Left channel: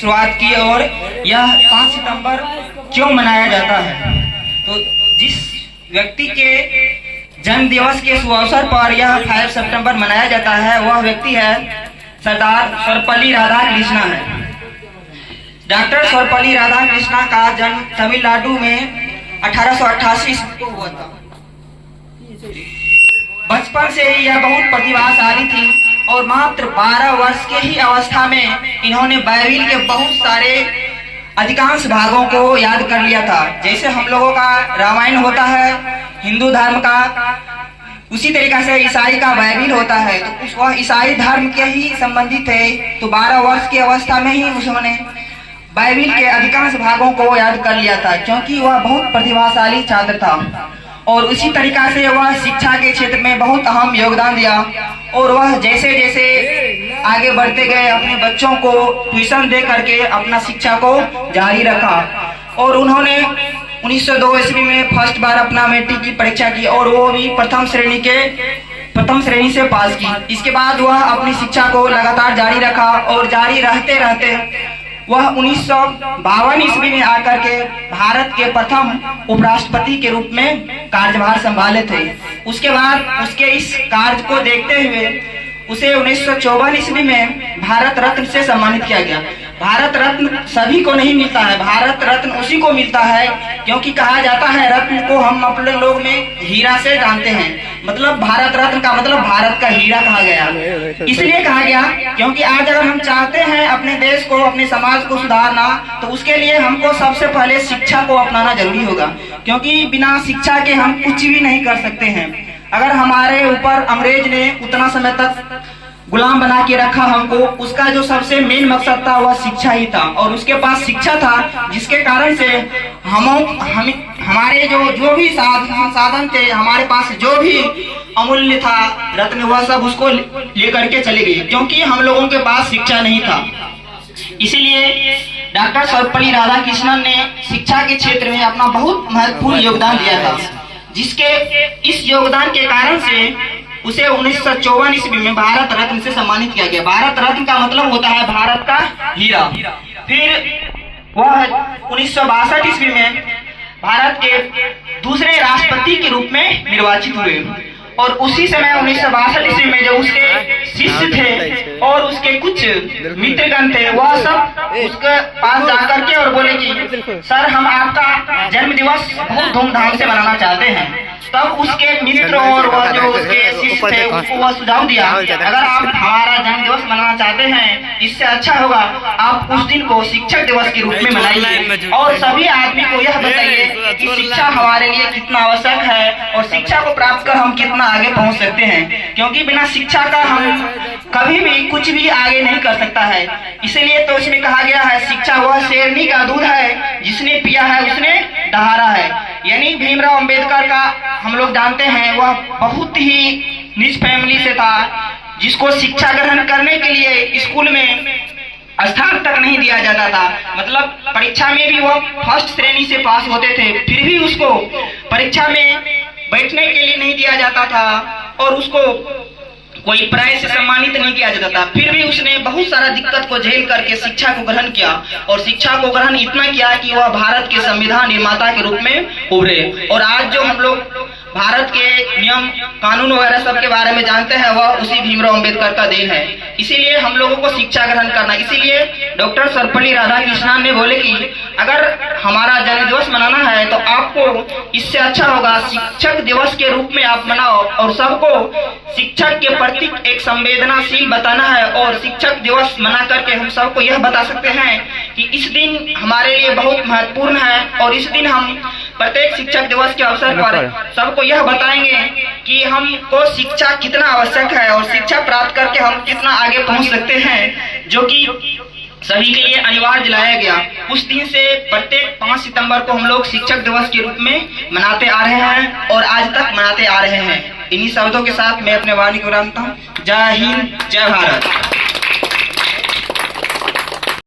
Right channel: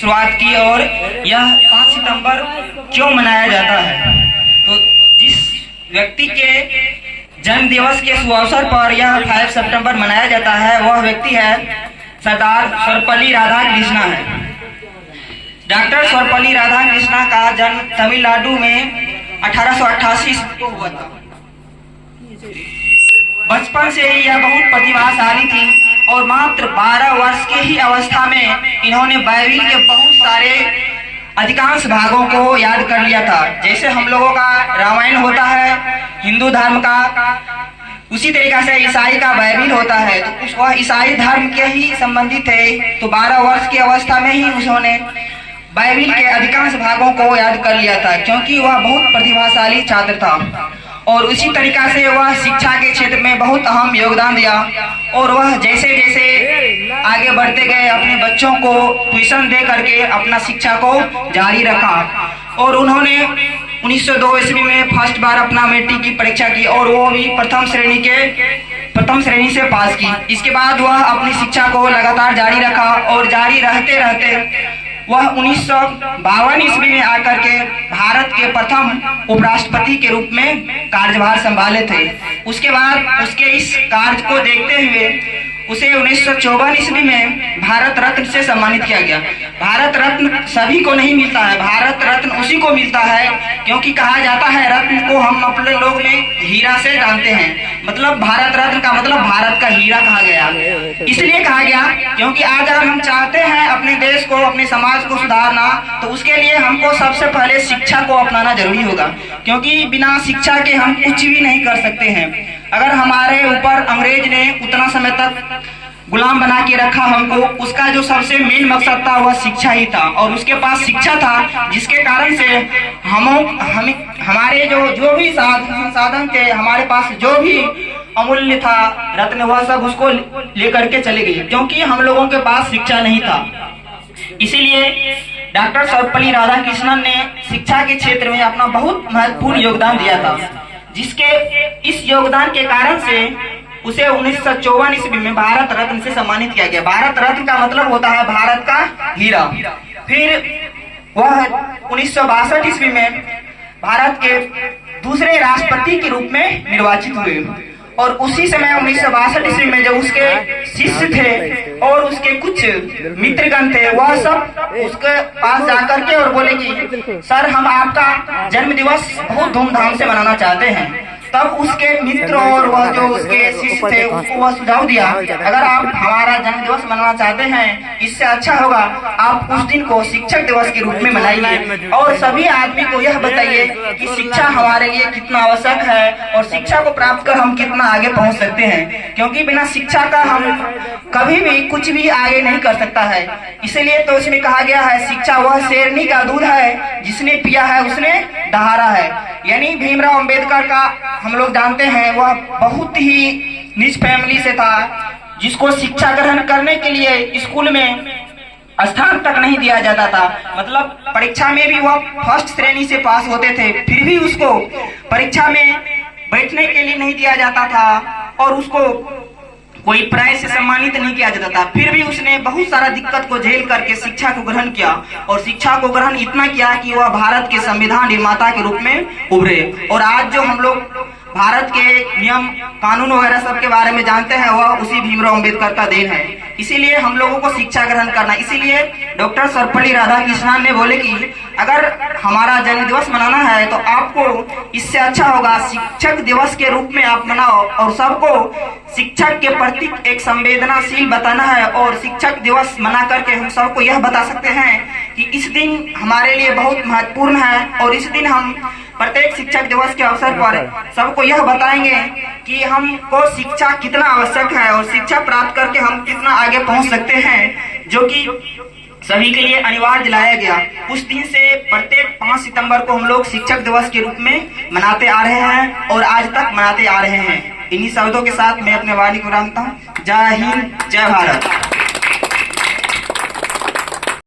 शुरुआत की और यह 5 सितंबर क्यों मनाया जाता है। तो जिस व्यक्ति के जन्म दिवस के शुभ अवसर पर यह 5 सितंबर मनाया जाता है वह व्यक्ति है सरदार सर्वपल्ली राधाकृष्णन है। डॉक्टर सर्वपल्ली राधाकृष्णन का जन्म तमिलनाडु में 1888 ईस्वी को हुआ था। बचपन से ही यह बहुत प्रतिभाशाली थी और मात्र 12 वर्ष के ही अवस्था में इन्होंने बाइबिल के बहुत सारे अधिकांश भागों को याद कर लिया था। जैसे हम लोगों का रामायण होता है हिंदू धर्म का, उसी तरीका से ईसाई का बाइबिल होता है। तो वह ईसाई धर्म के ही संबंधित है। तो 12 वर्ष की अवस्था में ही उन्होंने बाइबिल के अधिकांश भागों को याद कर लिया था, क्योंकि वह बहुत प्रतिभाशाली छात्र था। और उसी तरीका से वह शिक्षा के क्षेत्र में बहुत अहम योगदान दिया और वह जैसे जैसे आगे बढ़ते गए अपने बच्चों को ट्यूशन दे करके अपना शिक्षा को जारी रखा। और उन्होंने 1902 ईस्वी में फर्स्ट बार अपना मैट्रिक की परीक्षा की और वो भी प्रथम श्रेणी से पास की। इसके बाद वह अपनी शिक्षा को लगातार जारी रखा और जारी रहते रहते वह 1952 ईस्वी में आकर के भारत के प्रथम उपराष्ट्रपति के रूप में कार्यभार संभाले थे। उसके बाद उसके इस कार्य को देखते हुए उसे 1954 ईस्वी में भारत रत्न से सम्मानित किया गया। भारत रत्न सभी को नहीं मिलता है, भारत रत्न उसी को मिलता है, क्योंकि कहा जाता है रत्न को हम अपने लोग में हीरा से जानते हैं। मतलब भारत रत्न का मतलब भारत का हीरा कहा गया। इसलिए कहा गया क्योंकि आज अगर हम चाहते हैं अपने देश को अपने समाज को सुधारना तो उसके लिए हमको सबसे पहले शिक्षा को अपनाना जरूरी होगा, क्योंकि बिना शिक्षा के हम कुछ भी नहीं कर सकते हैं। अगर हमारे ऊपर अंग्रेज ने उतना समय तक गुलाम बना के रखा हमको, उसका जो सबसे मेन मकसद था वह शिक्षा ही था। और उसके पास शिक्षा था जिसके कारण से हमारे जो भी साधन थे, हमारे पास जो भी अमूल्य था रत्न, वह सब उसको लेकर के चले गए, क्योंकि हम लोगों के पास शिक्षा नहीं था। इसीलिए डॉक्टर सर्वपल्ली राधाकृष्णन ने शिक्षा के क्षेत्र में अपना बहुत महत्वपूर्ण योगदान दिया था, जिसके इस योगदान के कारण से उसे 1954 ईस्वी में भारत रत्न से सम्मानित किया गया। भारत रत्न का मतलब होता है भारत का हीरा। फिर वह 1962 ईस्वी में भारत के दूसरे राष्ट्रपति के रूप में निर्वाचित हुए। और उसी समय 1962 ईस्वी में जो उसके शिष्य थे और उसके कुछ मित्रगण थे, वह सब उसके पास जाकर के और बोले कि सर हम आपका जन्म दिवस बहुत धूमधाम से मनाना चाहते हैं। तब उसके मित्र और वह जो उसके शिष्य थे उसको वह सुझाव दिया, अगर आप हमारा जन्म दिवस मनाना चाहते हैं इससे अच्छा होगा आप उस दिन को शिक्षक दिवस के रूप में मनाइए और सभी आदमी को यह बताइए कि शिक्षा हमारे लिए कितना आवश्यक है और शिक्षा को प्राप्त कर हम कितना आगे पहुंच सकते हैं, क्योंकि बिना शिक्षा का हम कभी भी कुछ भी आगे नहीं कर सकता है। इसीलिए तो इसमें कहा गया है शिक्षा वह शेरनी का दूध है, जिसने पिया है उसने दहाड़ा है। यानी भीमराव अंबेडकर का हम लोग जानते हैं वह बहुत ही नीच फैमिली से था, जिसको शिक्षा ग्रहण करने के लिए स्कूल में स्थान तक नहीं दिया जाता था। मतलब परीक्षा में भी वह फर्स्ट श्रेणी से पास होते थे, फिर भी उसको परीक्षा में बैठने के लिए नहीं दिया जाता था और उसको कोई प्राइज से सम्मानित नहीं किया जाता था। फिर भी उसने बहुत सारा दिक्कत को झेल करके शिक्षा को ग्रहण किया और शिक्षा को ग्रहण इतना किया कि वह भारत के संविधान निर्माता के रूप में उभरे। और आज जो हम लोग भारत के नियम कानून वगैरह सब के बारे में जानते हैं वह उसी भीमराव अंबेडकर का देन है। इसीलिए हम लोगों को शिक्षा ग्रहण करना, इसीलिए डॉक्टर सर्वपल्ली राधाकृष्णन ने बोले कि अगर हमारा जन्म दिवस मनाना है तो आपको इससे अच्छा होगा शिक्षक दिवस के रूप में आप मनाओ और सबको शिक्षक के प्रति एक संवेदनाशील बताना है। और शिक्षक दिवस मना करके हम सबको यह बता सकते हैं कि इस दिन हमारे लिए बहुत महत्वपूर्ण है और इस दिन हम प्रत्येक शिक्षक दिवस के अवसर पर सबको यह बताएंगे कि हमको शिक्षा कितना आवश्यक है और शिक्षा प्राप्त करके हम कितना आगे पहुंच सकते हैं, जो कि सभी के लिए अनिवार्य दिलाया गया। उस दिन से प्रत्येक 5 सितंबर को हम लोग शिक्षक दिवस के रूप में मनाते आ रहे हैं और आज तक मनाते आ रहे हैं। इन्हीं शब्दों के साथ मैं अपने वाणी को विराम देता हूं। जय हिंद, जय भारत।